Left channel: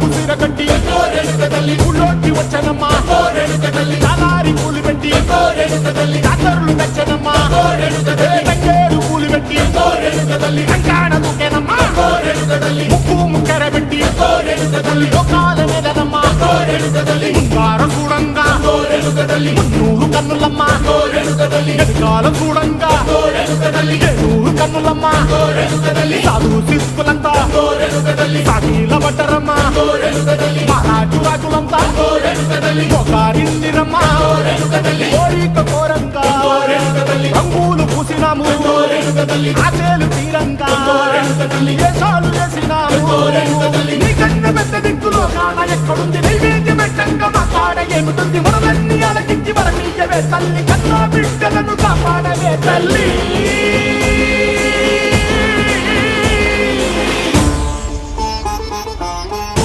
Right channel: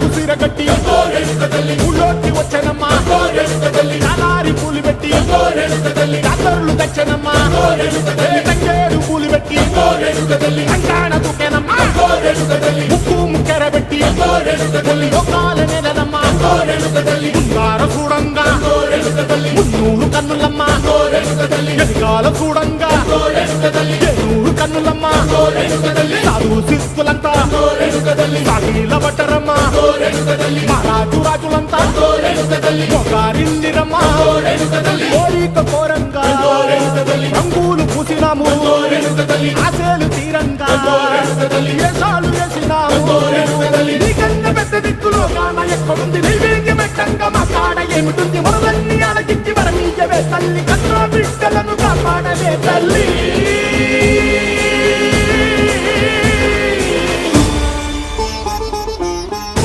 కుసిర కట్టి ఊళ్ళోకి వచ్చనమ్మా చాలారి పూలు పెట్టి జాతరులు తెచ్చనమ్మా తంగేడు పూలు పెట్టి కంకాణ దూకేనమ్మా ముక్కు ముక్కెర పెట్టి ముల్లోకాల నెలనమ్మా ముందార చూడంగా మున్నూరు కన్నులమ్మా వెనకాల చూడంగా ఏనూరు కన్నులమ్మా సాధువు సిద్ధులంతా సాగిల బట్టరమ్మా మహారాజు రాజులంతా మొగారిల్లిరమ్మా కోరిక కోరంగా రంగులు పూసినాము ఆశలు తీరంగా ఏసాలు వేసినాము నీకన్నా పెద్ద దిక్కులో కాన ఎక్కడుంది నైవేద్యం ఎట్టంగా మా కాడ ఏమిటుంది మనలన్నీ అలకిచ్చి వరమీయవే తల్లి కన్నా బిడ్డలను కాపాడవే తల్లి